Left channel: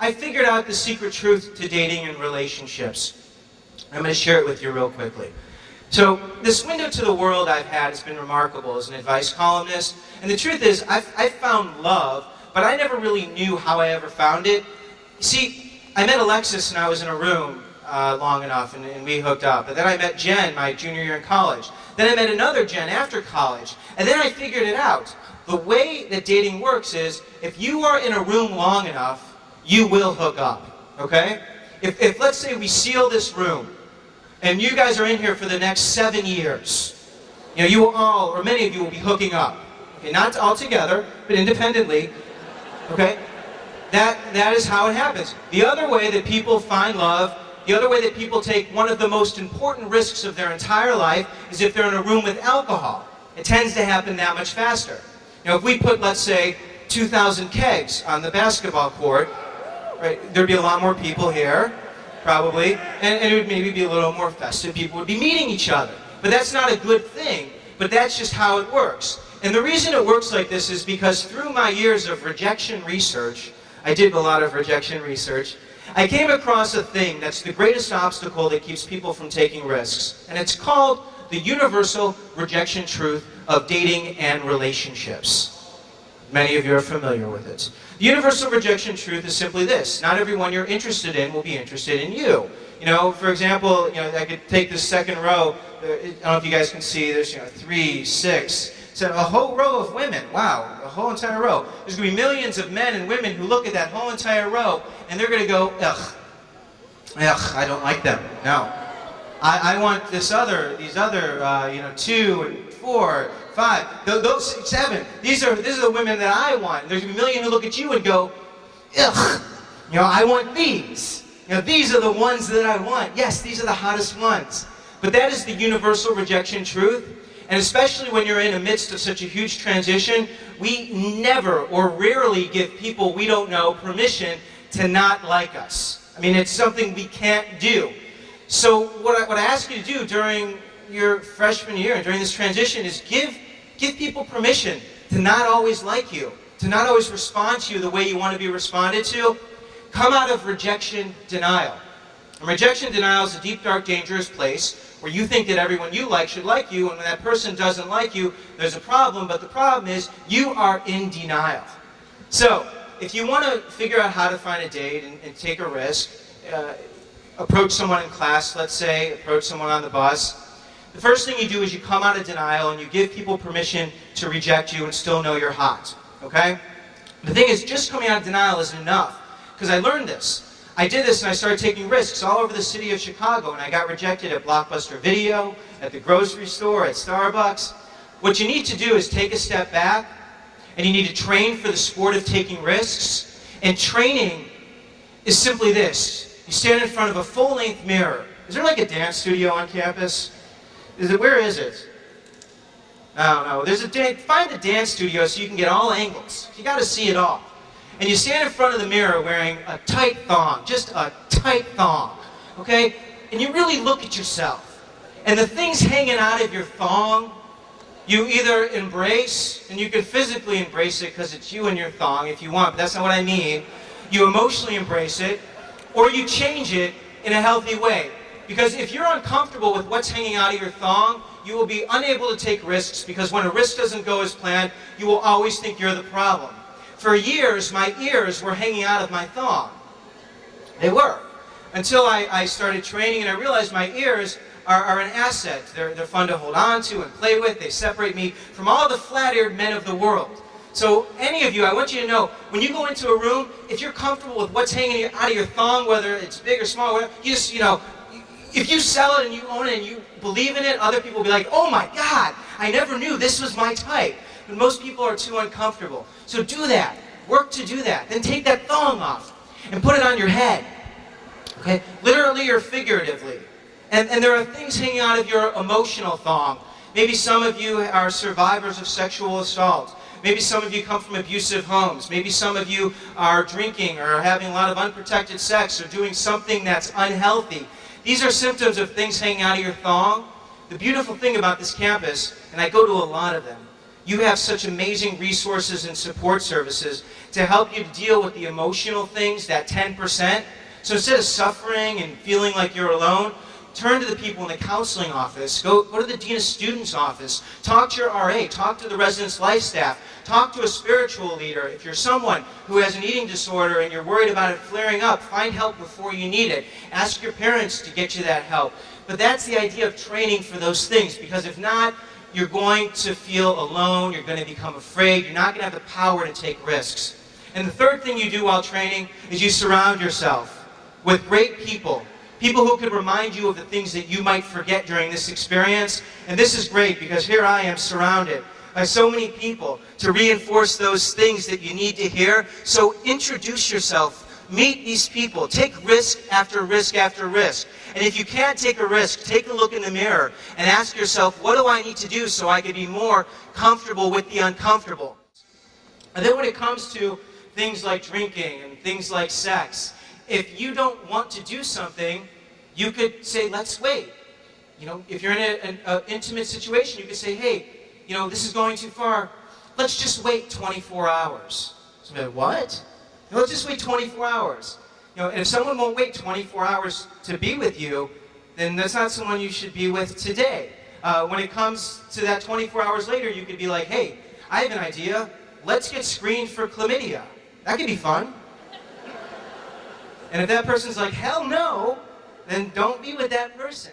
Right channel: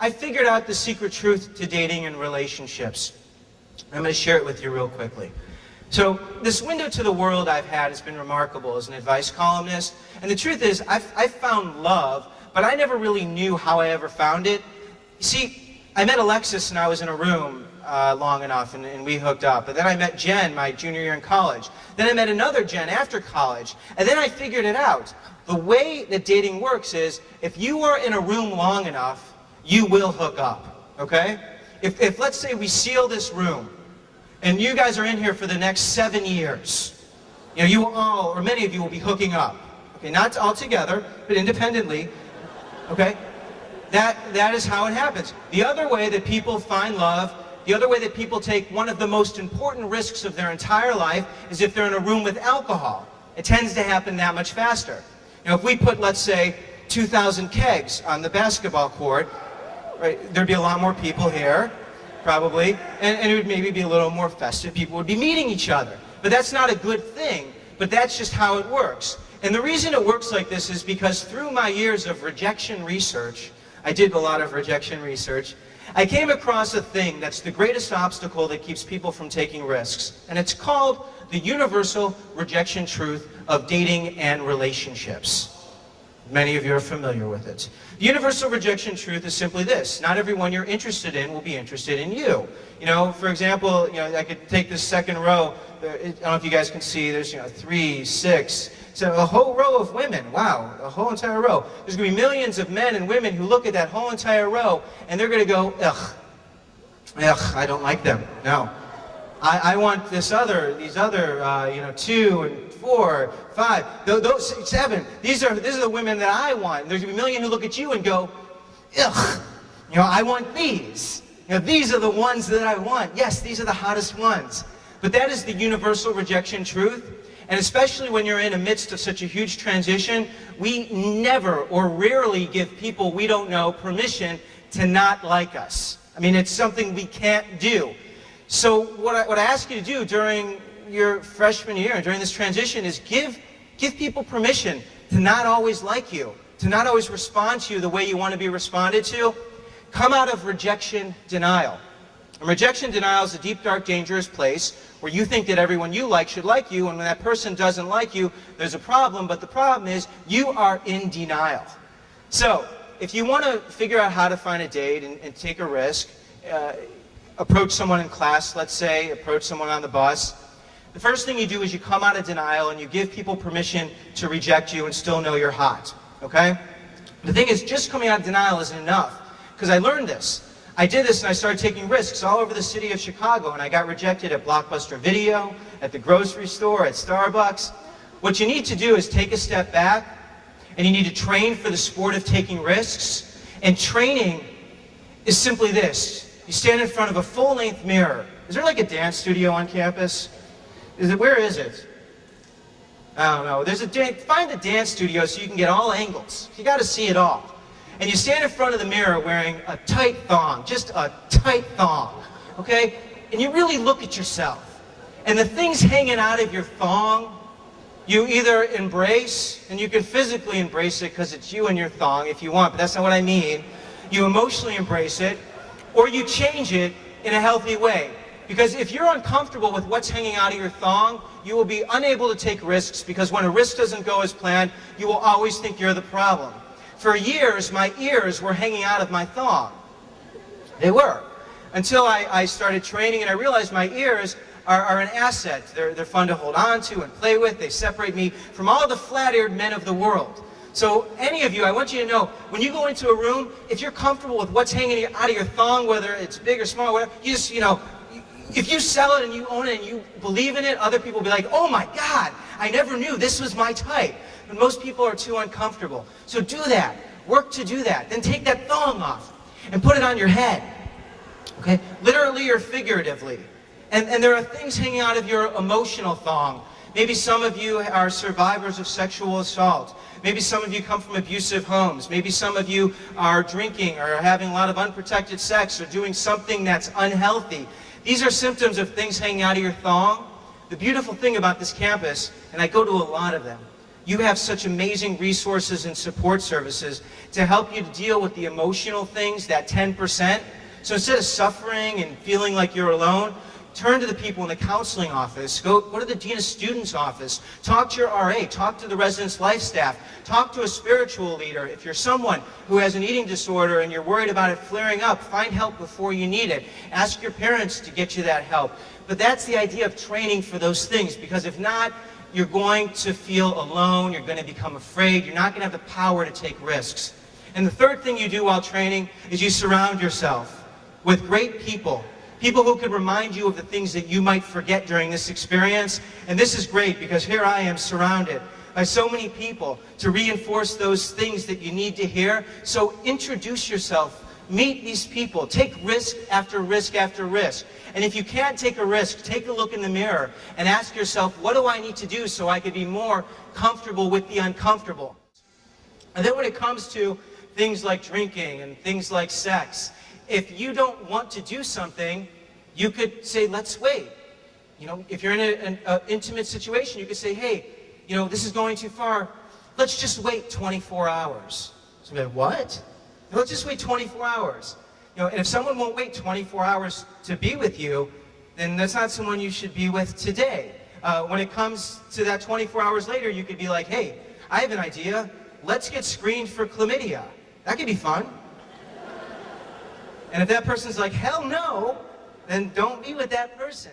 I figured out the secret truth to dating and relationships. I'm going to share it with you real quickly. So this window to the world I've had has been remarkable as an advice columnist. And the truth is, I've found love, but I never really knew how I ever found it. You see, I met Alexis and I was in a room long enough and we hooked up. But then I met Jen my junior year in college. Then I met another Jen after college. And then I figured it out. The way that dating works is, if you are in a room long enough, you will hook up, okay? If let's say we seal this room, and you guys are in here for the next 7 years, you know, you will all, or many of you will be hooking up. Okay, not all together, but independently, okay? That is how it happens. The other way that people find love, the other way that people take one of the most important risks of their entire life is if they're in a room with alcohol. It tends to happen that much faster. You know, if we put, let's say, 2,000 kegs on the basketball court, right, there'd be a lot more people here, probably, and it would maybe be a little more festive. People would be meeting each other. But that's not a good thing, but that's just how it works. And the reason it works like this is because through my years of rejection research, I did a lot of rejection research, I came across a thing that's the greatest obstacle that keeps people from taking risks. And it's called the universal rejection truth of dating and relationships. Many of you are familiar with it. The universal rejection truth is simply this: not everyone you're interested in will be interested in you. You know, for example, you know, I could take this second row. I don't know if you guys can see. There's 3, 6, 7, a whole row of women. Wow, a whole entire row. There's going to be millions of men and women who look at that whole entire row, and they're going to go, ugh, I don't like them. No, I want these other, 2 and 4, 5, those 7. These are the women that I want. There's going to be a million who look at you and go, ugh, I want these. These are the ones that I want. Yes, these are the hottest ones. But that is the universal rejection truth. And especially when you're in the midst of such a huge transition, we never or rarely give people we don't know permission to not like us. I mean, it's something we can't do. So what I ask you to do during your freshman year and during this transition is give people permission to not always like you, to not always respond to you the way you want to be responded to. Come out of rejection denial. And rejection denial is a deep, dark, dangerous place where you think that everyone you like should like you, and when that person doesn't like you, there's a problem, but the problem is you are in denial. So, if you want to figure out how to find a date and take a risk, approach someone in class, let's say, approach someone on the bus, the first thing you do is you come out of denial and you give people permission to reject you and still know you're hot, okay? The thing is, just coming out of denial isn't enough, because I learned this. I did this and I started taking risks all over the city of Chicago, and I got rejected at Blockbuster Video, at the grocery store, at Starbucks. What you need to do is take a step back, and you need to train for the sport of taking risks. And training is simply this. You stand in front of a full-length mirror. Is there like a dance studio on campus? Where is it? I don't know. Find the dance studio so you can get all angles. You got to see it all. And you stand in front of the mirror wearing a tight thong, just a tight thong, okay? And you really look at yourself. And the things hanging out of your thong, you either embrace, and you can physically embrace it because it's you and your thong if you want, but that's not what I mean. You emotionally embrace it, or you change it in a healthy way. Because if you're uncomfortable with what's hanging out of your thong, you will be unable to take risks, because when a risk doesn't go as planned, you will always think you're the problem. For years, my ears were hanging out of my thong. They were. Until I started training and I realized my ears are an asset. They're fun to hold on to and play with. They separate me from all the flat-eared men of the world. So any of you, I want you to know, when you go into a room, if you're comfortable with what's hanging out of your thong, whether it's big or small, whatever, you just, if you sell it and you own it and you believe in it, other people will be like, oh my God, I never knew this was my type. But most people are too uncomfortable. So do that. Work to do that. Then take that thong off and put it on your head. Okay? Literally or figuratively. And there are things hanging out of your emotional thong. Maybe some of you are survivors of sexual assault. Maybe some of you come from abusive homes. Maybe some of you are drinking or having a lot of unprotected sex or doing something that's unhealthy. These are symptoms of things hanging out of your thong. The beautiful thing about this campus, and I go to a lot of them, you have such amazing resources and support services to help you to deal with the emotional things, that 10%. So instead of suffering and feeling like you're alone, turn to the people in the counseling office, go to the Dean of Students office, talk to your RA, talk to the residence life staff, talk to a spiritual leader. If you're someone who has an eating disorder and you're worried about it flaring up, find help before you need it. Ask your parents to get you that help. But that's the idea of training for those things, because if not, you're going to feel alone, you're going to become afraid, you're not going to have the power to take risks. And the third thing you do while training is you surround yourself with great people. People who could remind you of the things that you might forget during this experience. And this is great because here I am surrounded by so many people to reinforce those things that you need to hear. So introduce yourself. Meet these people. Take risk after risk after risk. And if you can't take a risk, take a look in the mirror and ask yourself, what do I need to do so I can be more comfortable with the uncomfortable? And then when it comes to things like drinking and things like sex, if you don't want to do something, you could say, let's wait. You know, if you're in an intimate situation, you could say, hey, you know, this is going too far. Let's just wait 24 hours. So like, what? Let's just wait 24 hours. You know, and if someone won't wait 24 hours to be with you, then that's not someone you should be with today. When it comes to that 24 hours later, you could be like, hey, I have an idea. Let's get screened for chlamydia. That could be fun. And if that person's like, hell no, then don't be with that person.